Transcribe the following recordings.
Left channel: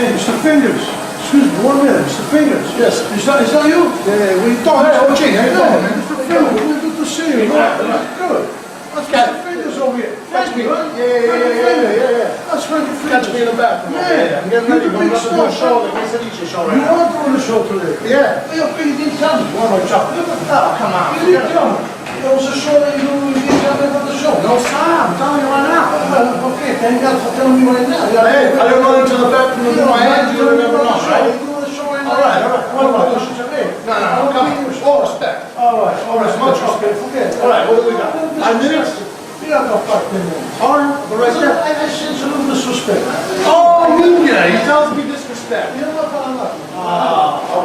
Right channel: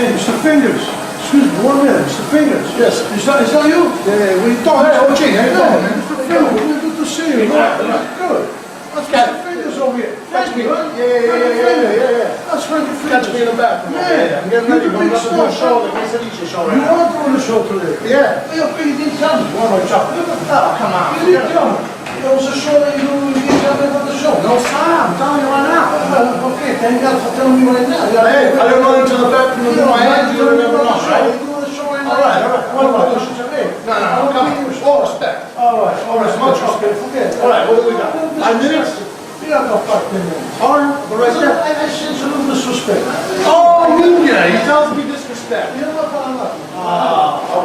Hey, Mr. Fingers. Excuse me, 1 minute, Mr. Fingers. Yes. Is that you? Yeah, we thought, hey, OG, how you doing, man? Mr. Fingers, good to see you. Good. That's Mr. Fingers over here. Catch me. Right? Yeah. That's Frankie Fingers. Catch me in the bathroom. Yeah. I'm getting ready to go to the show, the quesadilla show right You now. are doing the show today? Yeah. You didn't tell me. What am I chopping? Oh, come on. You didn't tell me. There was a show that you didn't tell me about the show. No, Sam, I'm telling you right now. Well, okay, thank God for telling me right now. Hey, I didn't run into the bathroom with my hands, you never know, right? You're doing the show right now. All right. What about the show today? No, come on. All respect. All right, much respect. Forget it. All right, what do we got? 5 minutes? You got no fucking minutes. All right, the rest of it. I sense a little disrespect. Oh, Luigii, he tells me disrespect. You know what I'm not.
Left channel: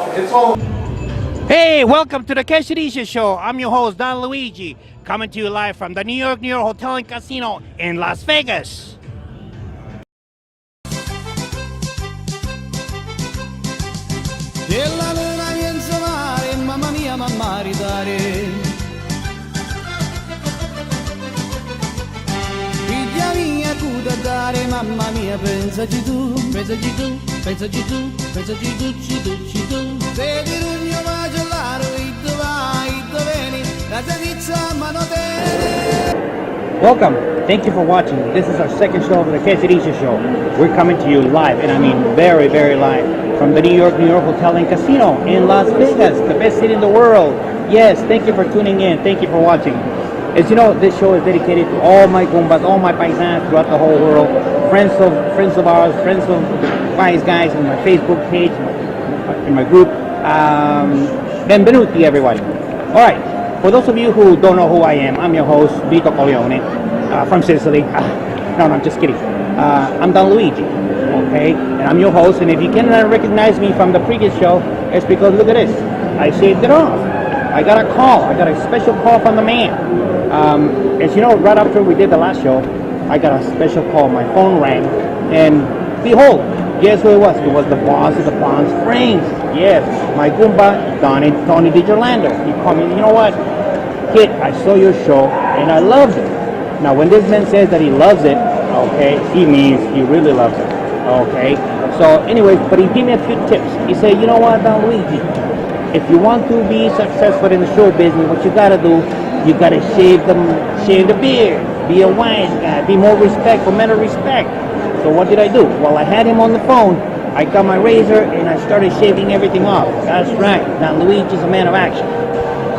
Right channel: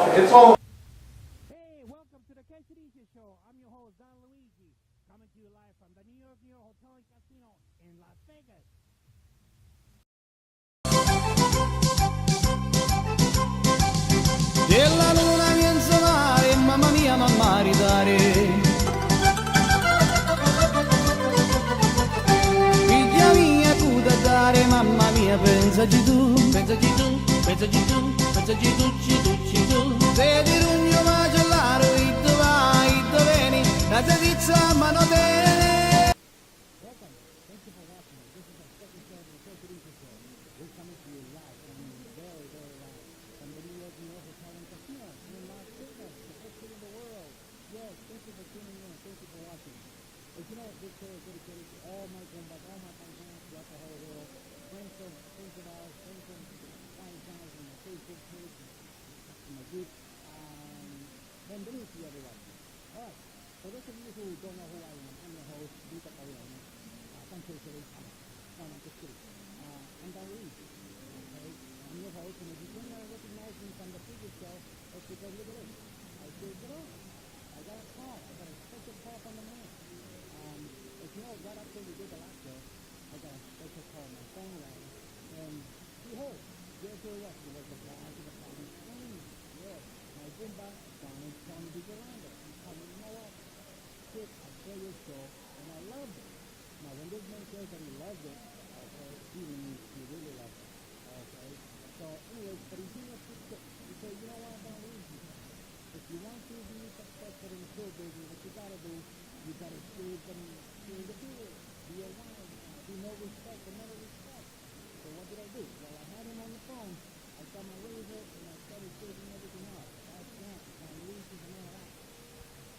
Okay, it's all. Hey, welcome to the Quesadilla Show. I'm your host, Don Luigi, coming to you live from the New York Hotel and Casino in Las Vegas. E la luna piensa mare, mamma mia, mamma ridare. Figlia mia, tu da dare, mamma mia, pensaci tu. Pensaci tu, pensaci tu, pensaci tu, se di rugno macellaro, iddo vai, iddo veni, la pizza mano bene. Welcome. Thank you for watching. This is our second show of the Quesadilla Show. We're coming to you live, and I mean very, very live, from the New York Hotel and Casino in Las Vegas, the best city in the world. Yes, thank you for tuning in. Thank you for watching. As you know, this show is dedicated to all my Goombas, all my paisans throughout the whole world, friends of ours, friends of Wise Guys on my Facebook page, in my group. Benvenuti, everybody. All right, for those of you who don't know who I am, I'm your host, Vito Corleone, from Sicily. No, I'm just kidding. I'm Don Luigi, okay? And I'm your host, and if you cannot recognize me from the previous show, it's because, look at this, I shaved it off. I got a call. I got a special call from the man. As you know, right after we did the last show, I got a special call. My phone rang, and behold, guess who it was? It was the boss of the Palm Springs. Yes, my Goomba, Tony DiGirlando. He called me, you know what? Kid, I saw your show, and I loved it. Now, when this man says that he loves it, okay, he means he really loves it, okay? So, anyways, but he gave me a few tips. He said, you know what, Don Luigi? If you want to be successful in the show business, what you gotta do, you gotta shave the beard, be a wise guy, be more respectful, men of respect. So what did I do? Well, I had him on the phone. I got my razor and I started shaving everything off. That's right. Now Luigi's a man of action.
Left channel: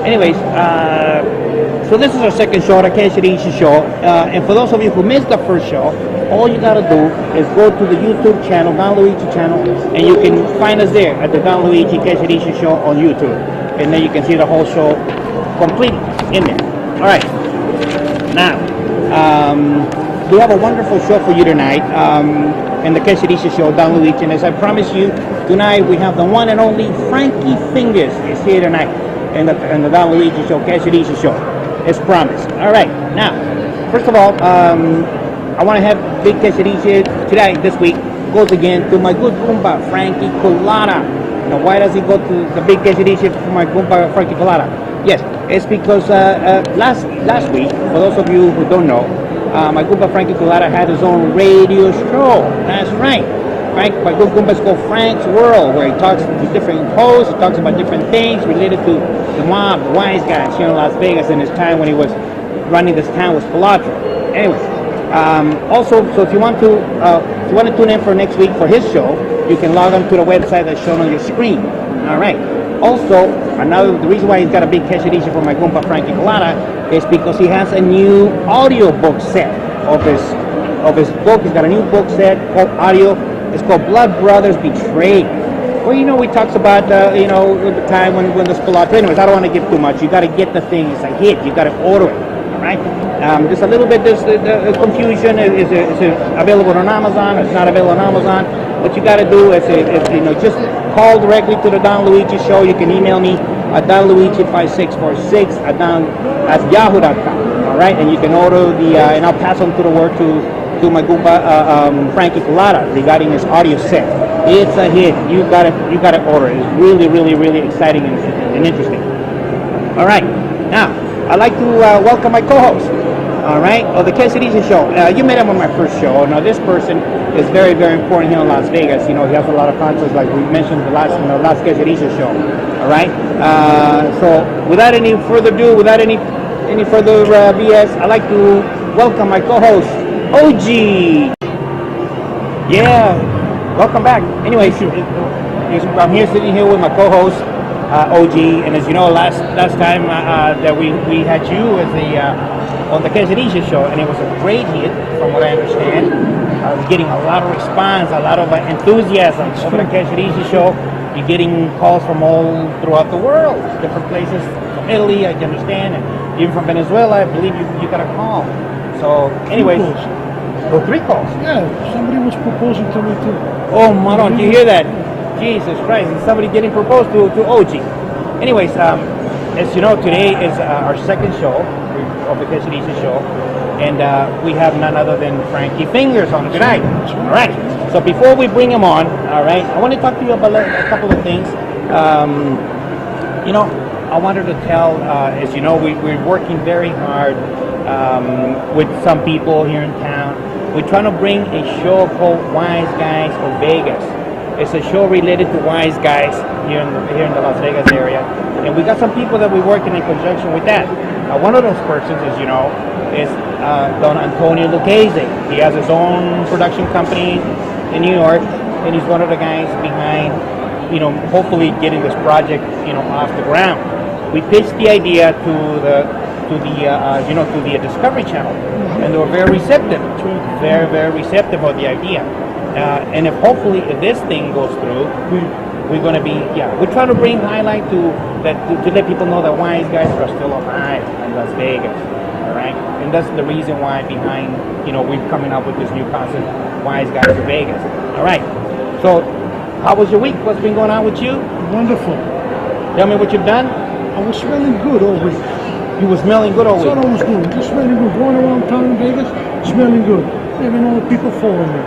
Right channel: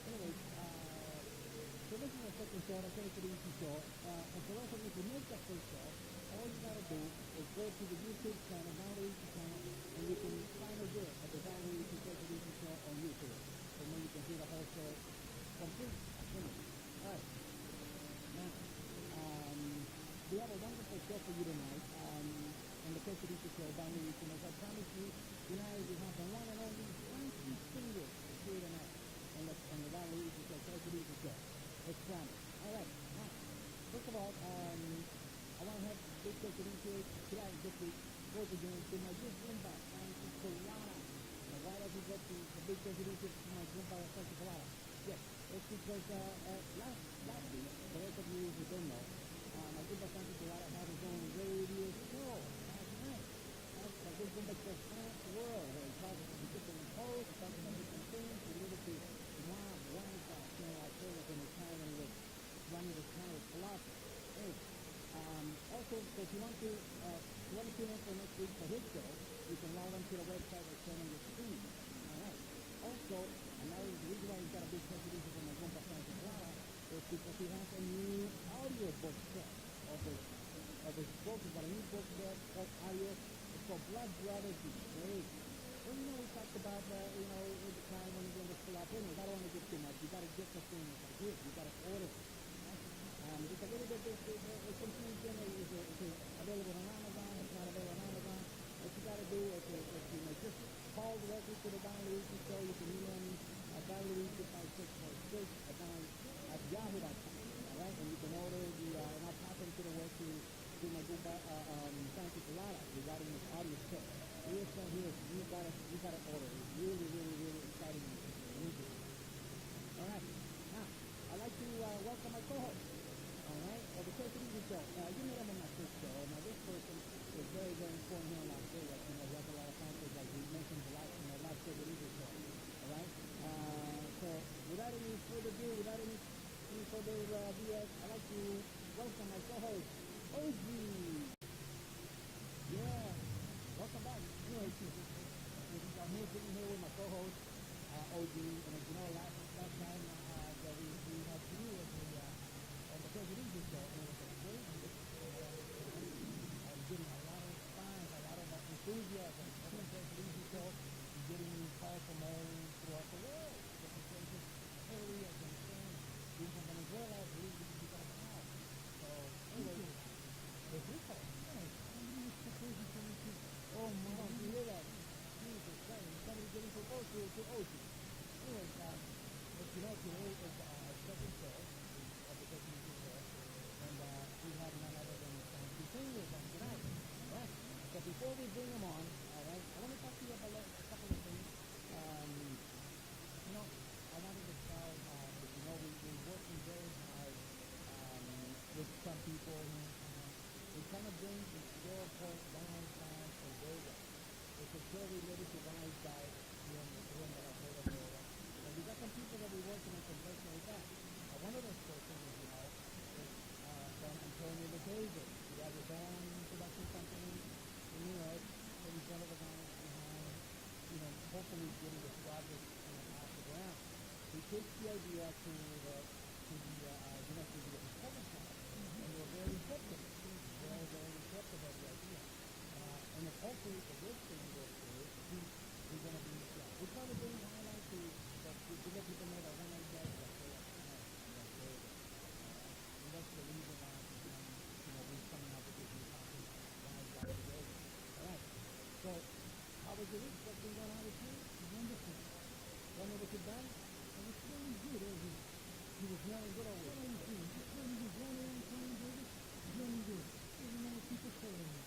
Anyways, so this is our second show, the Quesadilla Show. And for those of you who missed the first show, all you gotta do is go to the YouTube channel, Don Luigi channel, and you can find us there at the Don Luigi Quesadilla Show on YouTube. And then you can see the whole show complete in there. All right. Now, we have a wonderful show for you tonight in the Quesadilla Show, Don Luigi. And as I promised you, tonight we have the one and only Frankie Fingers is here tonight in the Don Luigi Show, Quesadilla Show. It's promised. All right. Now, first of all, I want to have Big Quesadilla today, this week, goes again to my good Goomba, Frankie Colada. Now, why does he go to the Big Quesadilla for my Goomba, Frankie Colada? Yes, it's because last week, for those of you who don't know, my Goomba Frankie Colada had his own radio show. That's right. My good Goomba is called Frank's World, where he talks to different hosts, he talks about different things related to the mob, the wise guys here in Las Vegas in his time when he was running this town with Palatra. Anyways, also, so if you want to tune in for next week for his show, you can log on to the website that's shown on your screen. All right. Also, the reason why he's got a big Quesadilla for my Goomba Frankie Colada is because he has a new audio book set of his book. He's got a new book set called audio. It's called Blood Brothers Betrayed. Well, you know, he talks about, the time when the Palatra. Anyways, I don't want to give too much. You got to get the thing. It's a hit. You got to order it. All right. There's a little bit the confusion. Is it available on Amazon? It's not available on Amazon. What you got to do is just call directly to the Don Luigi Show. You can email me at donluigi5646 at yahoo.com. All right, and you can order and I'll pass on to the word to my Goomba Frankie Colada regarding his audio set. It's a hit. You got to order it. It's really, really, really exciting and interesting. All right, now I'd like to welcome my co-host. All right. Oh, the Quesadilla show. You met him on my first show. Now, this person is very, very important here in Las Vegas. You know, he has a lot of concerts, like we mentioned in the last Quesadilla show. All right. So, without any further ado, without any further BS, I'd like to welcome my co-host, OG. Yeah. Welcome back. Anyways, I'm here sitting here with my co-host, OG, and as you know, last time that we had you as on the Quesadilla show, and it was a great hit, from what I understand. I was getting a lot of response, a lot of enthusiasm over the Quesadilla show. You're getting calls from all throughout the world, different places, from Italy, I understand, and even from Venezuela. I believe you got a call. So, anyways, three calls. Yeah, somebody was proposing to me too. Oh, Maron, do you hear that? Jesus Christ, is somebody getting proposed to OG. Anyways, as you know, today is our second show of the Quesadilla show, and we have none other than Frankie Fingers on tonight. All right, so before we bring him on, all right, I want to talk to you about a couple of things. You know, I wanted to tell, as you know, we're working very hard with some people here in town. We're trying to bring a show called Wise Guys for Vegas. It's a show related to wise guys here in the Las Vegas area, and we got some people that we're working in conjunction with that. One of those persons, as you know, is Don Luigii. He has his own production company in New York, and he's one of the guys behind, you know, hopefully getting this project, you know, off the ground. We pitched the idea to the Discovery Channel, and they were very receptive, very receptive of the idea. And if hopefully if this thing goes through, we're going to be, we're trying to bring highlight to let people know that wise guys are still alive in Las Vegas, all right? And that's the reason why behind, you know, we're coming up with this new concept, Wise Guys for Vegas. All right, so how was your week? What's been going on with you? Wonderful. Tell me what you've done. I was smelling good all week. You were smelling good all That's week. what I was doing. Just smelling good. Going around town in Vegas, smelling good. Even all the people following me.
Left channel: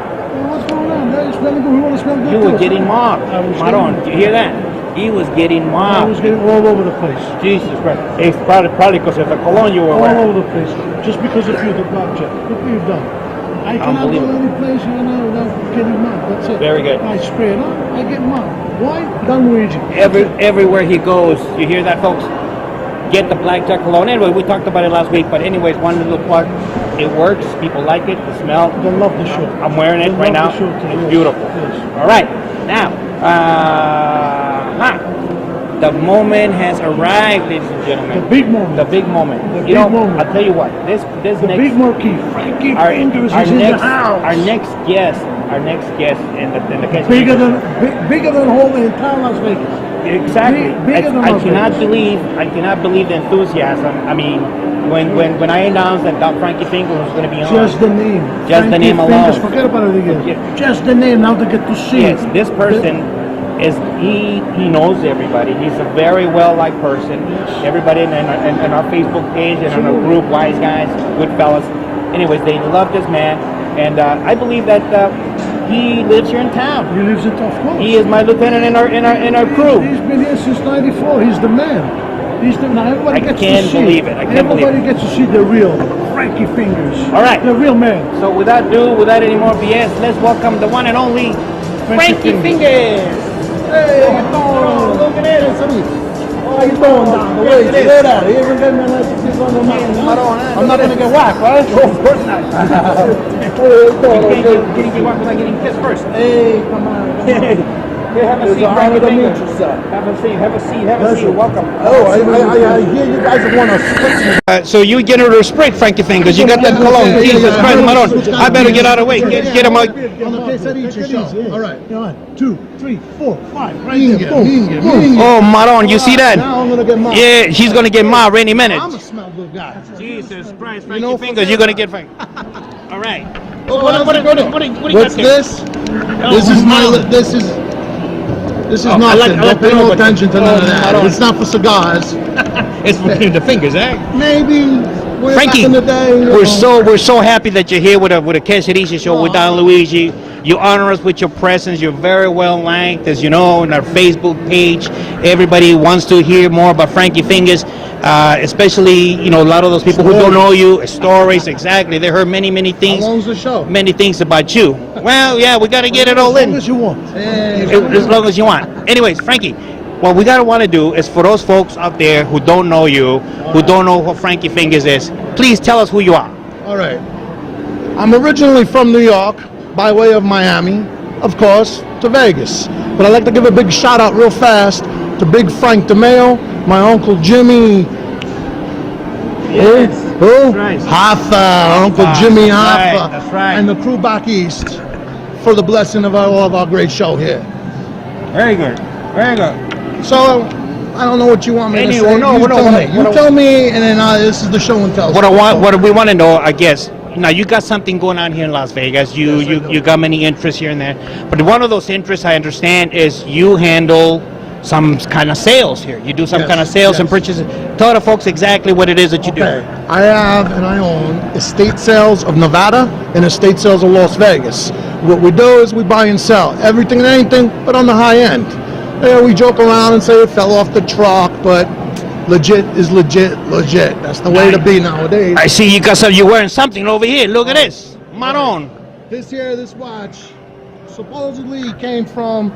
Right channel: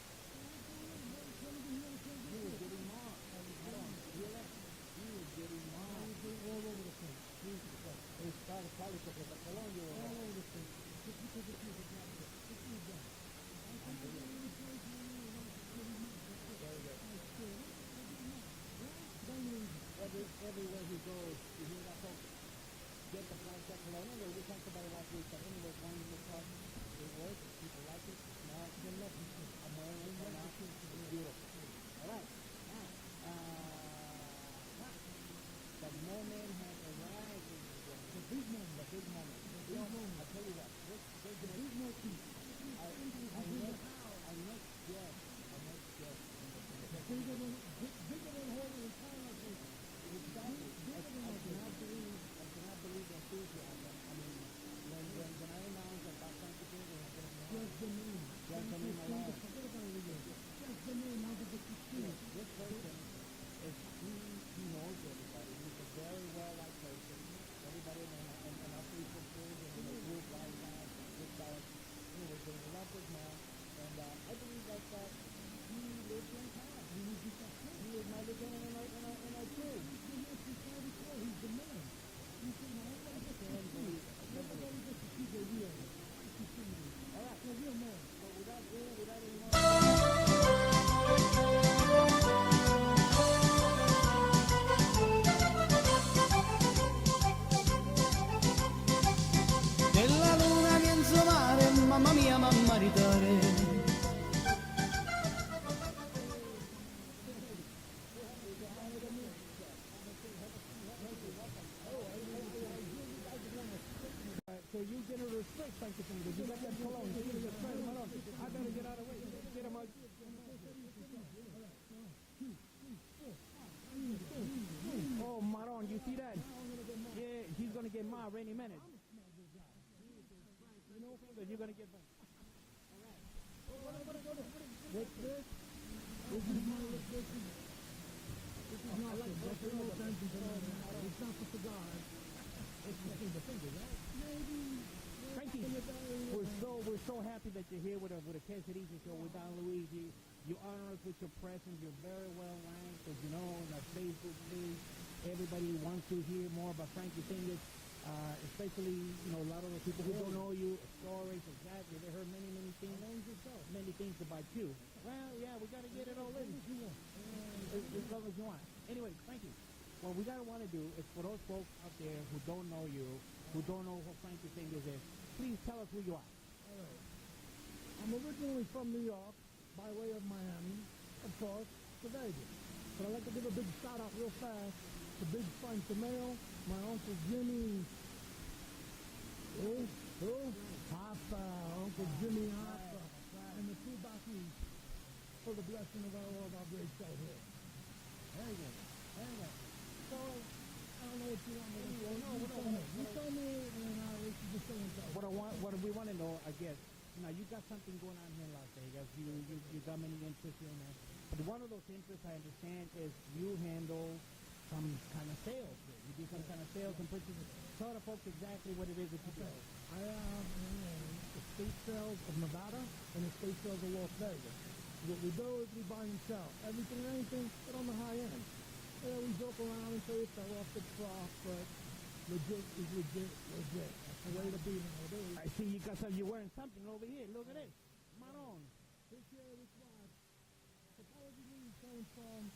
What's going on? They're smelling good. We want to smell good. You too. were getting mobbed. Maron, did you hear that? He was getting I mobbed. was getting all over the place. Jesus Christ. It's probably because of the cologne you were All wearing. over the place. Just because of you, the blackjack. Look what you've done. I cannot go any place, you know, without getting mobbed. That's it. Very good. I spray it on, I get mobbed. Why? Don Luigi. Everywhere he goes, you hear that, folks? Get the blackjack cologne. Anyway, we talked about it last week, but anyways, one little plug. It works. People like it. The smell. They love the show. I'm wearing it right now. It's beautiful. Yes. All right. Now, the moment has arrived, ladies and gentlemen. The big moment. The big moment. The You big know, moment. I'll tell you what. This The next big marquee. Frankie Fingers is in the house. Our next guest in the case. Bigger than whole the entire Las Vegas. Exactly. Bigger than I Las cannot Vegas. believe the enthusiasm. I mean, when I announced that Frankie Fingers was going to be on, Just the name. Just the Frankie name alone. Fingers, forget about it again. Yeah. Just the name. Now they get to see yes, it. this person is he knows everybody. He's a very well liked person. Everybody in our Facebook page and in our group, Wise Guys, good fellas. Anyways, they love this man, and I believe that he lives here in town. He lives in Tough Coast. He is my lieutenant in our crew. He's been here since '94. He's the man. Now everybody I gets can't to see. believe it. I can't believe Everybody gets to see the real Frankie Fingers. All right. The real man. So without any more BS, let's welcome the one and only Frankie Fingers. Hey, how you doing? Look at it. How you doing down the way? Straight out. You ever get me like this on the mountain? I'm not going to get whacked, right? Oh, of course not. Getting you whacked without getting kissed first. Hey, come on. Here, have a It's seat, an honor Frankie to meet Fingers. you, sir. Have a seat. Welcome. Oh, I hear you guys have won a split. So you get her to spray, Frankie Fingers. You got that cologne. Jesus Christ, Maron. I better get out of the way. Get him out. On the Quesadilla show. All right. 1, 2, 3, 4, 5. Right there. Boom. Oh, Maron, you see that? Now I'm going to get mobbed. Yeah, he's going to get mobbed any minute. I'm a smell good guy. Jesus Christ, Frankie Fingers, you're going to get Frankie. All right. What do you got What's there? this? This is my. This is I nothing. like Don't pay to know no what- attention to none of I that. don't- It's not for cigars. It's between the fingers, eh? Maybe Way Frankie, back in the day, you know. we're so happy that you're here with a Quesadilla show with Don Luigi. You honor us with your presence. You're very well liked, as you know, on our Facebook page. Everybody wants to hear more about Frankie Fingers, especially a lot of those people who don't know you. Stories, exactly. They heard many things. How long's the show? Many things about you. Well, yeah, we got to get it all in. As long as you want. As long as you want. Anyways, Frankie, what we gotta want to do is for those folks out there who don't know you, who don't know who Frankie Fingers is, please tell us who you are. All right. I'm originally from New York, by way of Miami, of course, to Vegas. But I'd like to give a big shout out real fast to Big Frank DeMeo, my Uncle Jimmy. Yes, Who? that's right. Hoffa, Uncle Jimmy Hoffa. That's right. And the crew back east for the blessing of all of our great show here. Very good. Very good. So, I don't know what you want me to say. You I tell me, and then this is the show and tell. What we want to know, I guess. Now you got something going on here in Las Vegas. You got many interests here and there. But one of those interests, I understand, is you handle some kind of sales here. You do some kind of sales and purchases. Tell the folks exactly what it is that you do. I have and I own estate sales of Nevada and estate sales of Las Vegas. What we do is we buy and sell everything and anything, but on the high end. We joke around and say it fell off the truck, but legit is legit. That's the way to be nowadays. I see you got some. You're wearing something over here. Look at this, Maron. This watch, supposedly came from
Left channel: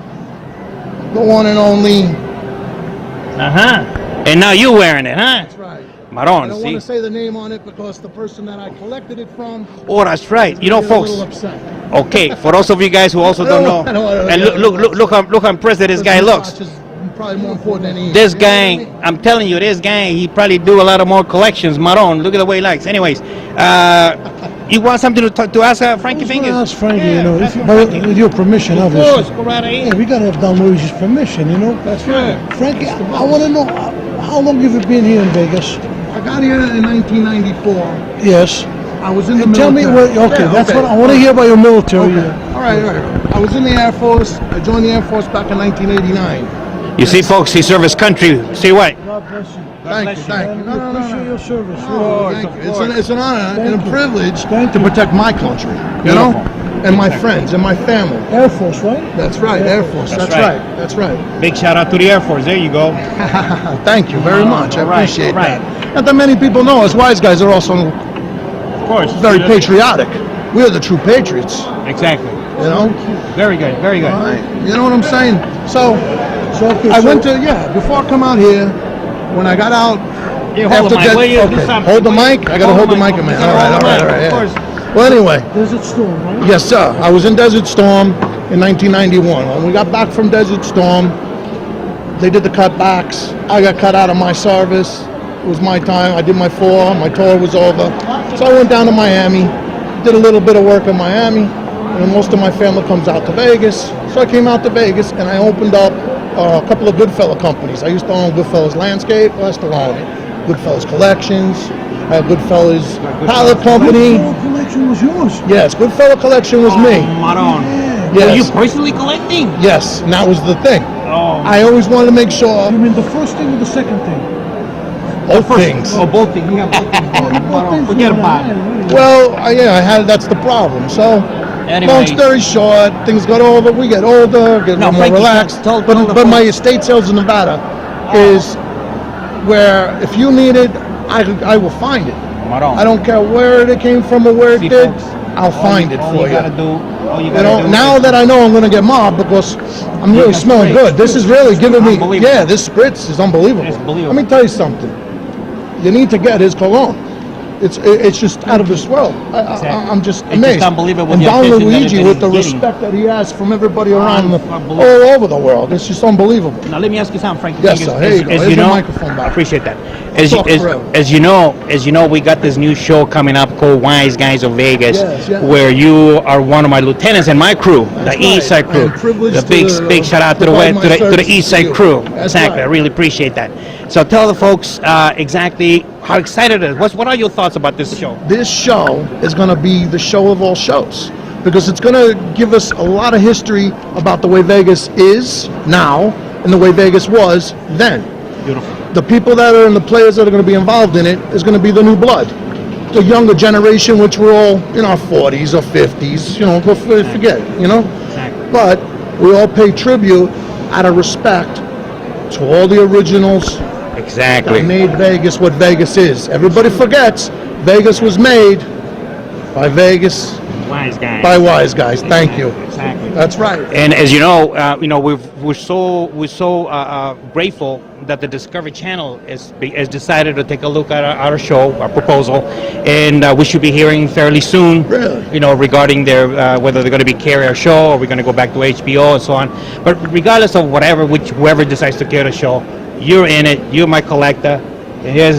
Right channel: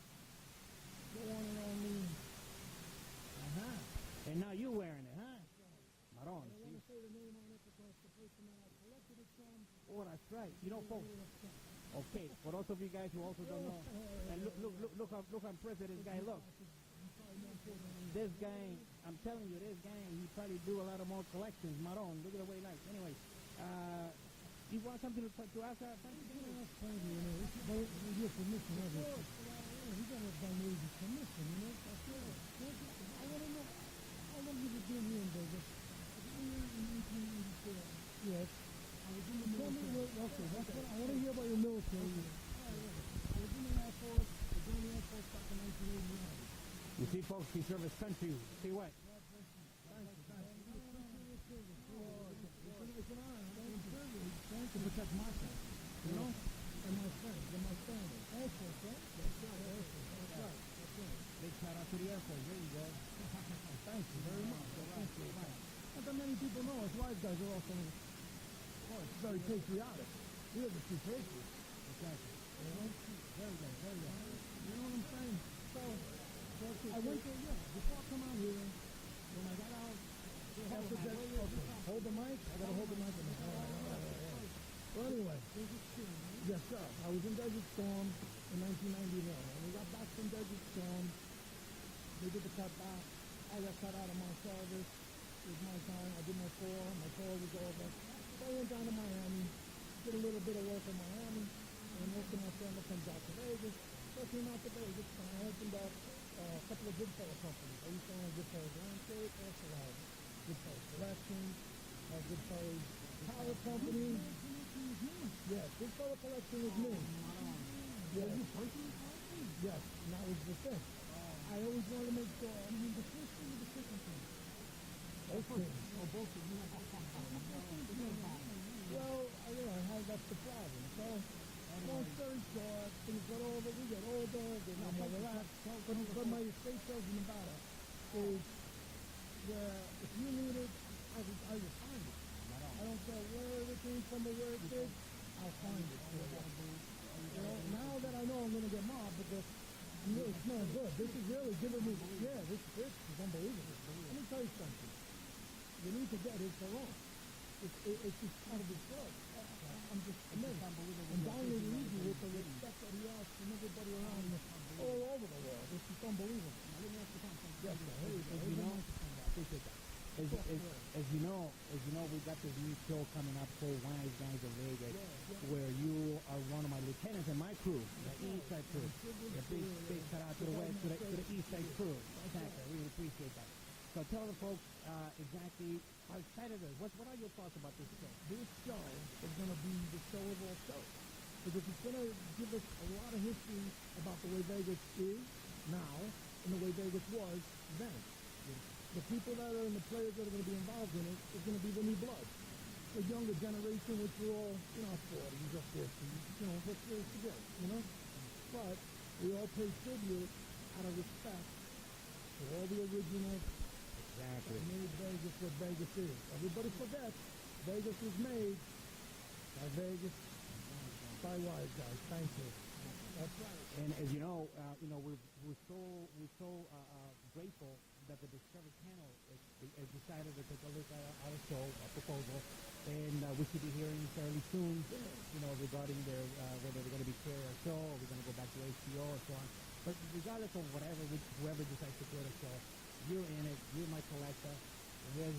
the one and only. And now you're wearing it, huh? That's right. Maron. I don't want to say the name on it because the person that I collected it from. Oh, that's right. You know, folks. A little upset. Okay, for those of you guys who also don't know, and look how impressed this guy looks. Probably more important than he is. This guy, I'm telling you, this guy, he probably do a lot of more collections. Maron, look at the way he likes. Anyways, you want something to ask Frankie Fingers? Ask Frankie, with your permission, obviously. Of course, go right ahead. Yeah, we gotta have Don Luigi's permission, That's right. Frankie, I want to know how long have you been here in Vegas? I got here in 1994. Yes. I was in the And tell military. me what. Okay, that's what I want to hear about your military. All right. I was in the Air Force. I joined the Air Force back in 1989. You see, folks, he served his country. See what? God bless you. Thank you. We appreciate your service. Thank you. It's an honor and a privilege Thank to you. protect my country, you know, and my friends and my family. Air Force, right? That's right, Air Force. That's right. Big shout out to the Air Force. There you go. Thank you very much. I All right, appreciate all right. that. Not that many people know us wise guys are also Of course. very patriotic. We're the true patriots, Exactly. you know. Very good. Very good. All right. You know what I'm saying? So I went to before I come out here, when I got out. Yeah, hold the mic. Will you do Okay, something? hold the mic. I gotta hold the mic, man. All right. Of course. Well, anyway. Desert Storm, right? Yes, sir. I was in Desert Storm in 1991. When we got back from Desert Storm, they did the cutbacks. I got cut out of my service. It was my time. I did my my tour was over. So I went down to Miami, did a little bit of work in Miami, and most of my family comes out to Vegas. So I came out to Vegas and I opened up a couple of Goodfella companies. I used to own Goodfellas Landscape. I still own it. Goodfellas Collections. I had Goodfellas Pallet Company. The collection was yours. Yes, Goodfella Collection was me. Maron. Yeah. Yes. Were you personally collecting? Yes, and that was the thing. Oh. I always wanted to make sure You mean the first thing or the second thing? both things. Oh, both things. We have both things. Maron, forget about it. Well, that's the problem. So, Anyway. long story short, things got over. We get older, get a No, little more Frankie, relaxed. tell the But my folks. estate sales in Nevada is where if you need it, I will find it. Maron. I don't care where it came from or where it See, did. folks, I'll find it all for you. Gotta you. do, all you You gotta know, do now is- that I know I'm going to get mobbed because I'm really that's smelling great. good. This is really giving me, Unbelievable. this spritz is unbelievable. It's believable. Let me tell you something. You need to get his cologne. It's just out of this world. I'm just It's amazed. just unbelievable And the Don attention that Luigi, it with the is getting. respect that he has from everybody around, Unbelievable. all over the world, it's just unbelievable. Now let me ask you something, Frankie. Yes, Fingers. sir. Here you go. As Here's you your know, microphone back. I appreciate that. Talk forever. As you know, we got this new show coming up called Wise Guys of Vegas, Yes. where you are one of my lieutenants in my crew, That's the East Side right. crew. I'm privileged The big, to, big shout out to provide my the services East to Side you. crew. That's Exactly. right. I really appreciate that. So tell the folks exactly how excited it is. What are your thoughts about this show? This show is going to be the show of all shows because it's going to give us a lot of history about the way Vegas is now and the way Vegas was then. Beautiful. The people that are and the players that are going to be involved in it is going to be the new blood. the younger generation, which we're all in our 40s or 50s, you know, forget it, you know? Exactly. But we all pay tribute out of respect to all the originals Exactly. that made Vegas what Vegas is. Everybody forgets Vegas was made by Vegas, Wise guys. by wise guys. Thank you. Exactly. That's right. And as you know, we're so grateful that the Discovery Channel has decided to take a look at our show, our proposal, and we should be hearing fairly soon. Really? You know, regarding their whether they're going to carry our show or we're going to go back to HBO and so on. But regardless of whoever decides to carry the show, you're in it. You're my collector. And here's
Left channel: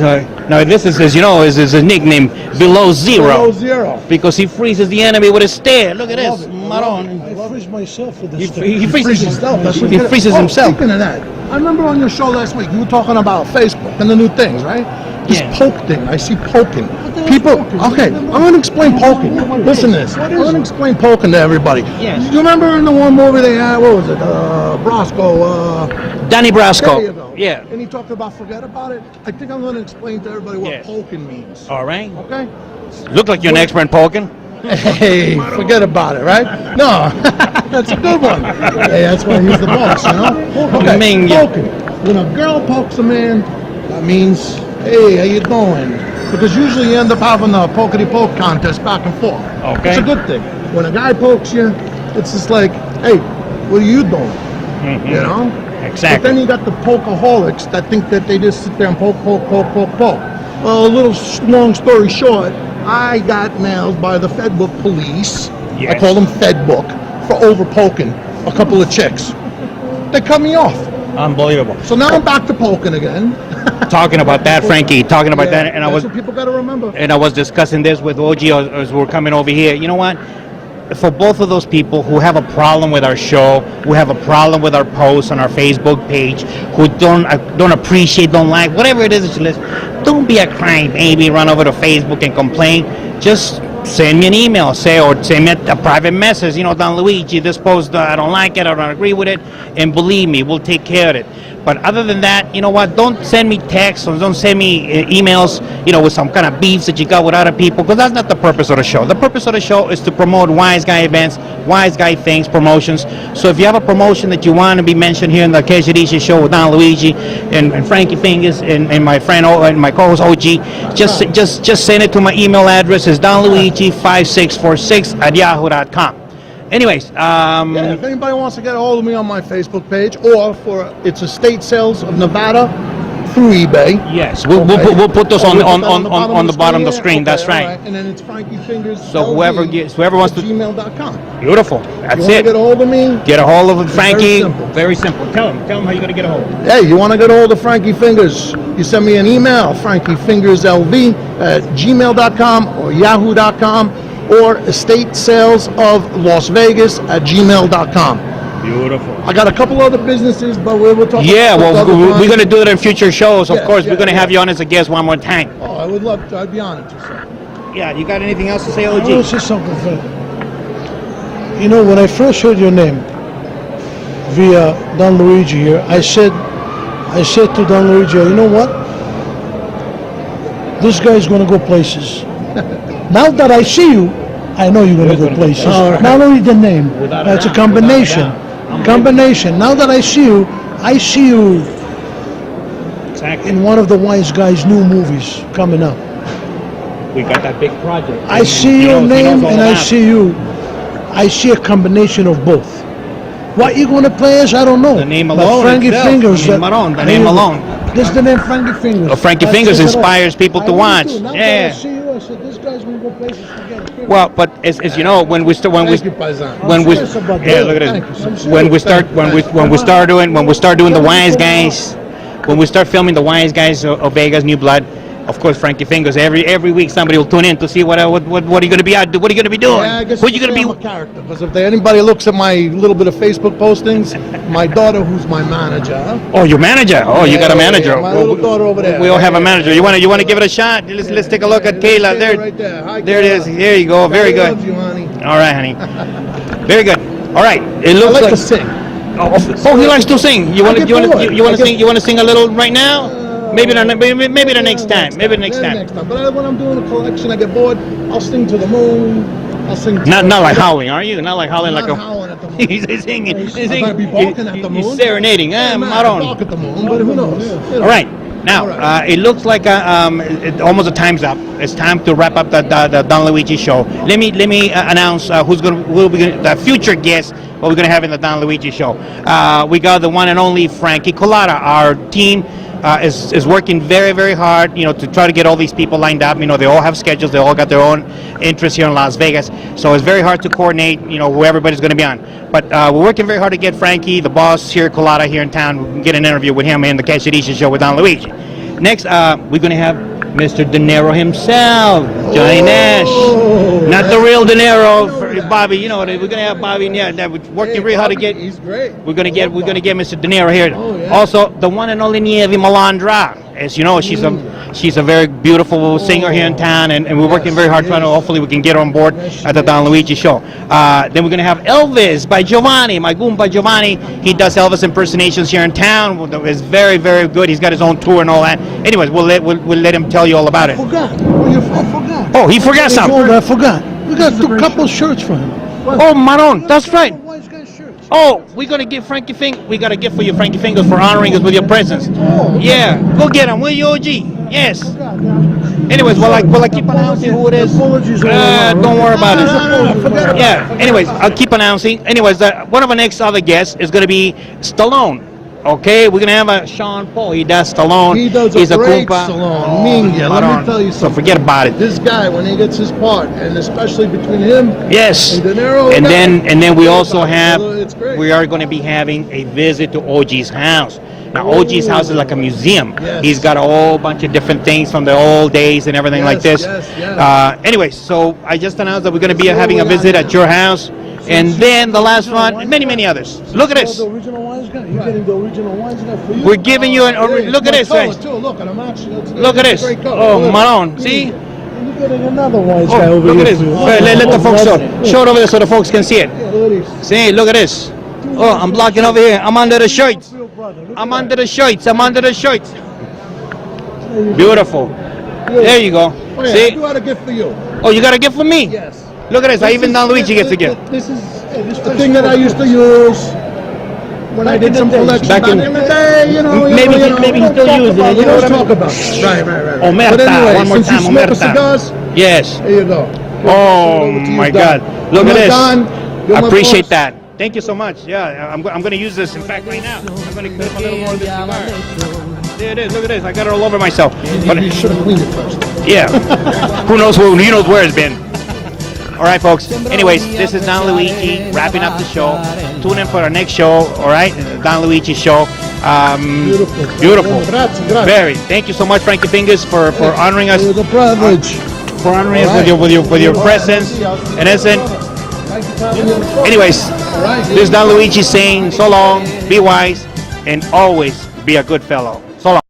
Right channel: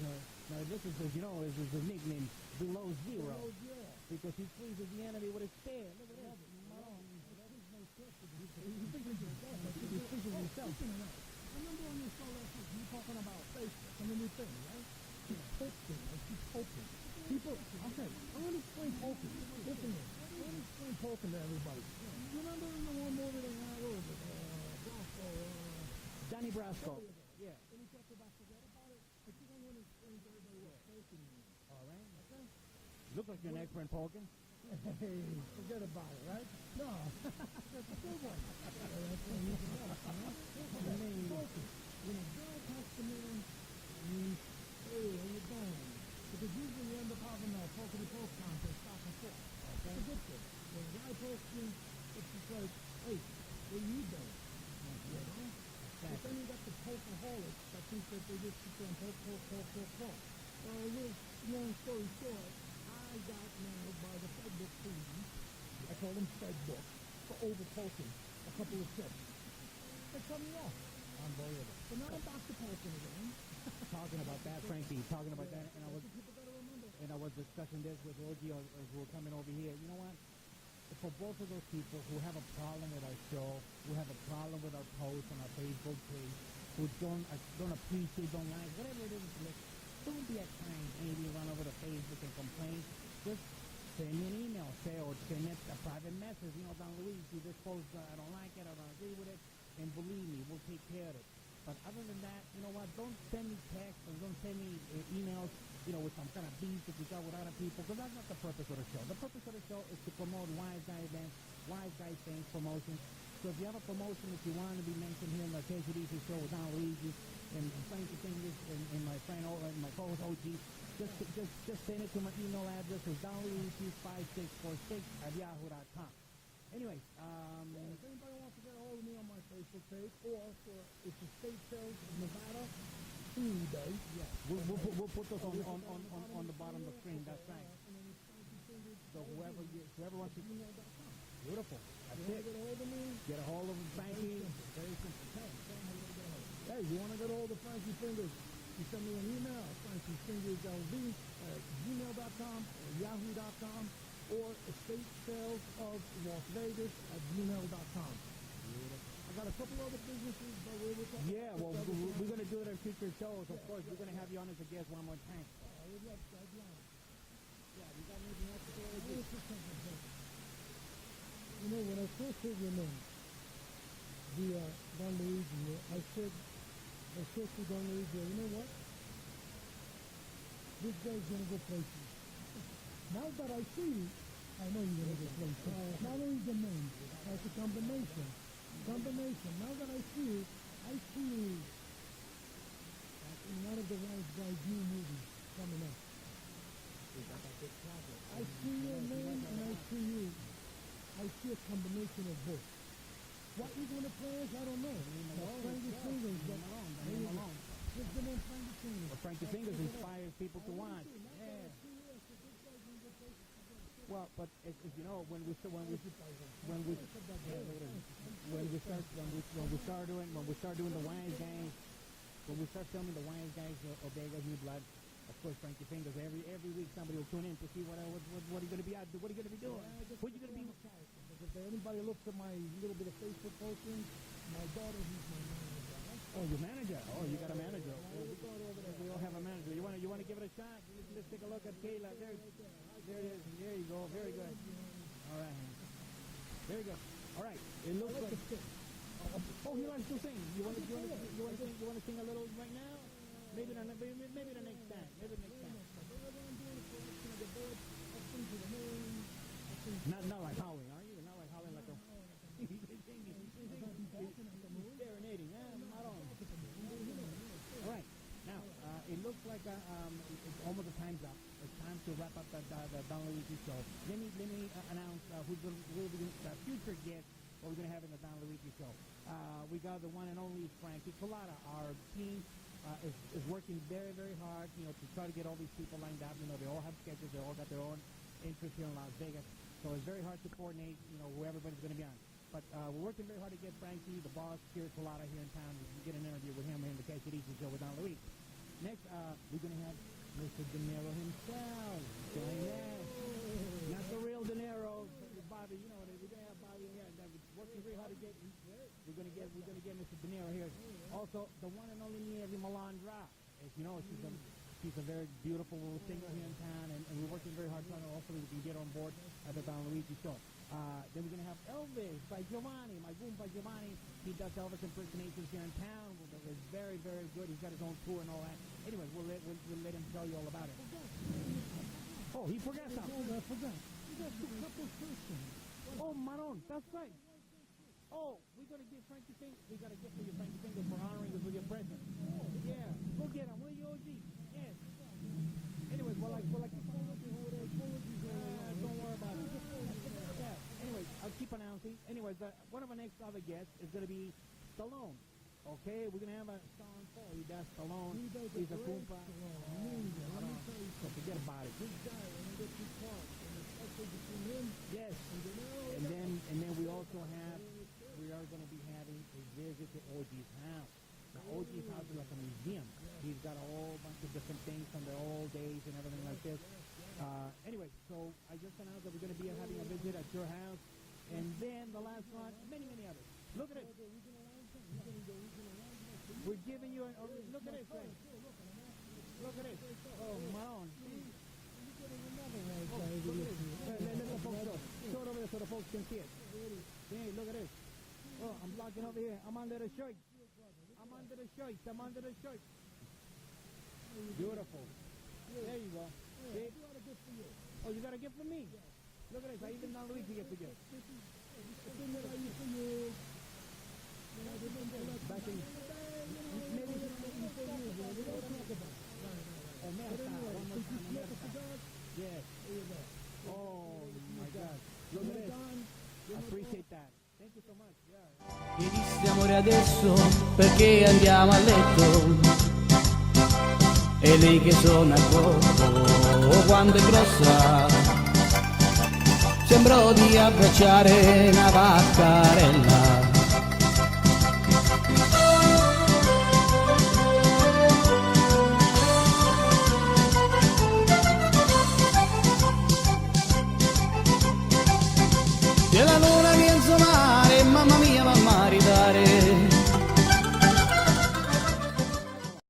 now this is, as you know, is a nickname Below Zero. Below Zero. Because he freezes the enemy with a stare. Look at I love this, it. Maron. I freeze myself with He, this stuff. he freezes himself. That's what He you- freezes Oh, himself. Speaking of that, I remember on your show last week, you were talking about Facebook and the new things, right? This Yeah. poke thing, I see poking. the hell's People, poking? okay, I'm going to explain poking. Listen to this. What I'm is going to it? explain poking to everybody. Yes. You remember in the one movie they had, what was it, Brosco, Danny Brasco. there you go. Yeah. And he talked about forget about it. I think I'm going to explain to everybody what Yes. poking means. All right. Okay? Look like you're an expert in poking. Hey, forget about it, right? No, that's a good one. Hey, that's why he's the boss, you know? Okay, Ming ya. poking. When a girl pokes a man, that means, hey, how you doing? Because usually you end up having a pokety-poke contest back and forth. Okay. It's a good thing. When a guy pokes you, it's just like, hey, what are you doing? You know? But Exactly. then you got the pokeaholics that think that they just sit there and poke. Well, a little long story short, I got nailed by the Fedbook police. I Yes. call them Fedbook for over poking a couple of chicks. They cut me off. Unbelievable. So now I'm back to poking again. Talking about that, Frankie. Talking about Yeah, that, and that's what people got to remember. I was discussing this with OG as we were coming over here. You know what? For both of those people who have a problem with our show, who have a problem with our posts on our Facebook page, who don't appreciate, don't like, whatever it is that you listen, don't be a crybaby, run over to Facebook and complain. Just send me an email, or send me a private message. You know, Don Luigi, this post, I don't like it, I don't agree with it, and believe me, we'll take care of it. But other than that, you know what? Don't send me texts or don't send me emails, you know, with some kind of beefs that you got with other people, because that's not the purpose of the show. The purpose of the show is to promote wise guy events, wise guy things, promotions. So if you have a promotion that you want to be mentioned here in the Quesadilla show with Don Luigi and Frankie Fingers and my friend and my co-host OG, just send it to my email address. It's donluigi5646@yahoo.com. Anyways, Yeah, if anybody wants to get a hold of me on my Facebook page, or for it's Estate Sales of Nevada through eBay. yes, we'll put those Oh, on we'll on put that on the bottom of the yeah? screen. Okay, That's all right. And then it's Frankie Fingers. So whoever wants to, gmail.com. beautiful. You That's want to it. get a hold of me? Get a hold of Frankie. simple. Very simple. Tell him how you're gonna get a hold of him. Hey, you want to get a hold of Frankie Fingers? You send me an email, frankiefingerslv@gmail.com or yahoo.com, or Estate Sales of Las Vegas @gmail.com. Beautiful. I got a couple other businesses, but we'll talk Yeah, about well, other we're times. gonna do it in future shows. Of Yeah, course, we're yeah, gonna have yeah. you on as a guest one more time. Oh, I would love to. I'd be honored to, sir. Yeah. You got anything else to say, I want to OG? say something, Fred. You know, when I first heard your name via Don Luigi here, I said to Don Luigi, you know what? This guy's going to go places. Now that I see you, I know you're going to go places. All right. Not only the name, Without a that's a doubt, combination. without a doubt. Combination. Now that I see you Exactly. in one of the wise guys' new movies coming up. We got that big project. I see He your knows- he knows name all and I about it. see you. I see a combination of both. What you're going to play is, I don't know. The name But alone Frankie itself, Fingers. the name alone, the name There you go. alone. This is the name Frankie Fingers. Frankie That Fingers says it all. inspires people to I really watch. do. Now that Yeah. I see you, I said, this guy's going to go places. Forget it. Well, but as you know, when we Thank you, Paisan. when we serious about yeah, that. look at Thank you, this. sir. When we start when we start doing the wise Tell me guys, when we start filming the wise guys of Vegas New Blood, of course Frankie Fingers. Every week somebody will tune in to see what are you going to be out? What are you going to be doing? Yeah, I guess What are you going to I'm be? a character, because if anybody looks at my little bit of Facebook postings, my daughter, who's my manager. Oh, your manager. Oh, you got a Yeah, manager. yeah, my little daughter over there. We all have a Yeah, manager. You want to give it a shot? Let's take a look at Kayla. Kayla There, right there. Hi, there it is. Kayla. There you go. Very Daddy good. loves you, honey. All right, honey. Very good. All right. It I looks like to sing. Oh, he likes to sing. You want to I get bored. sing? You want to sing a little right now? Maybe the next time. Maybe the next time. But when I'm doing a collection, I get bored. I'll sing to the moon. I'll sing. Not like howling, are you? Not like howling Not like a. howling at the moon. He's singing. He's I might be singing. barking at the He's moon. serenading. Yeah, man, I Maron. bark at the moon, but who knows? You know. All right. Now, it looks like almost the time's up. It's time to wrap up the Don Luigi show. Let me announce will be the future guest. What we're gonna have in the Don Luigi show. We got the one and only Frankie Colada. Our team is working very, very hard, to try to get all these people lined up. They all have schedules. They all got their own interests here in Las Vegas. So it's very hard to coordinate, who everybody's going to be on. But we're working very hard to get Frankie, the boss here, Colada, here in town. We can get an interview with him in the Cachericia show with Don Luigi. Next, we're going to have Mr. De Niro himself, Johnny Nash. Not the real De Niro, Bobby. We're going to have Bobby. Yeah, we're working really hard to get. He's great. We're going to get Mr. De Niro here. Oh, yeah. Also, the one and only Nievi Malandra. As you know, she's a very beautiful singer here in town, and we're working very hard trying to. Hopefully, we can get her on board at the Don Luigi show. Then we're going to have Elvis by Giovanni, my Goomba Giovanni. He does Elvis impersonations here in town. It's very, very good. He's got his own tour and all that. Anyways, we'll let him tell you all about it. I forgot. Oh, he forgot something. I forgot. We got a couple shirts for him. Oh, Maron, that's right. Wise guy shirts. Oh, we're gonna give we got a gift for you, Frankie Fingers, for honoring us with your presence. Yeah, go get him, will you, OG? Yes. Anyways, will I keep announcing who it is? Don't worry about it. Yeah. Anyways, I'll keep announcing. Anyways, one of our next other guests is gonna be Stallone. Okay, we're gonna have a Sean Paul. He does Stallone. He does He's a great Goomba. Stallone. Minga, let me tell you So something. forget about it. This guy, when he gets his part, and especially between him Yes. and De Niro, And then we also have. It's great. We are going to be having a visit to OG's house. Now, OG's house is like a museum. Yes. He's got a whole bunch of different things from the old days and everything like this. Yes. Anyway, so I just announced that we're going to be having a visit at your house. And then the last one, and many others. Look at this. The original wise guy. You're getting the original wise guy for you. We're giving you an. Look at this, guys. Look, and I'm actually. Look at this. Oh, Maron. See? You're getting another wise guy Oh, over look at here this. for you. Let the folks show it over there so the folks can see it. See, look at this. Oh, I'm blocking over here. I'm under the shirts. I'm under the shirts. Beautiful. There you go. Oh, yeah, I See? do have a gift for you. Oh, you got a gift for me? Yes. Look at this. Even Don Luigi gets a gift. This is the thing that I used to use when I did some collection Back in- the day. Maybe he still uses it. You know what I mean? Talk about. Right. Omerta. But anyway, One more since time. you smoke Omerta. cigars, Yes. here you go. Oh Over to you, my Don. God! Look You're at this. Don. You're I my appreciate boss. that. Thank you so much. Yeah, I'm going to use this in fact right now. I'm gonna Perché andiamo a letto There it is. Look at this. I got it all over myself. e But- lei yeah. Who knows where it's been. All right, folks. Anyways, this is Don Luigi wrapping up the show. Tune in for our next show. All right, Don Luigi show. Beautiful. Grazie. Very. Thank you so much, Frankie Fingers, for honoring us. It was a privilege. For honoring us with your presence. And listen. Anyways, this is Don Luigi saying so long, be wise, and always be a good fellow.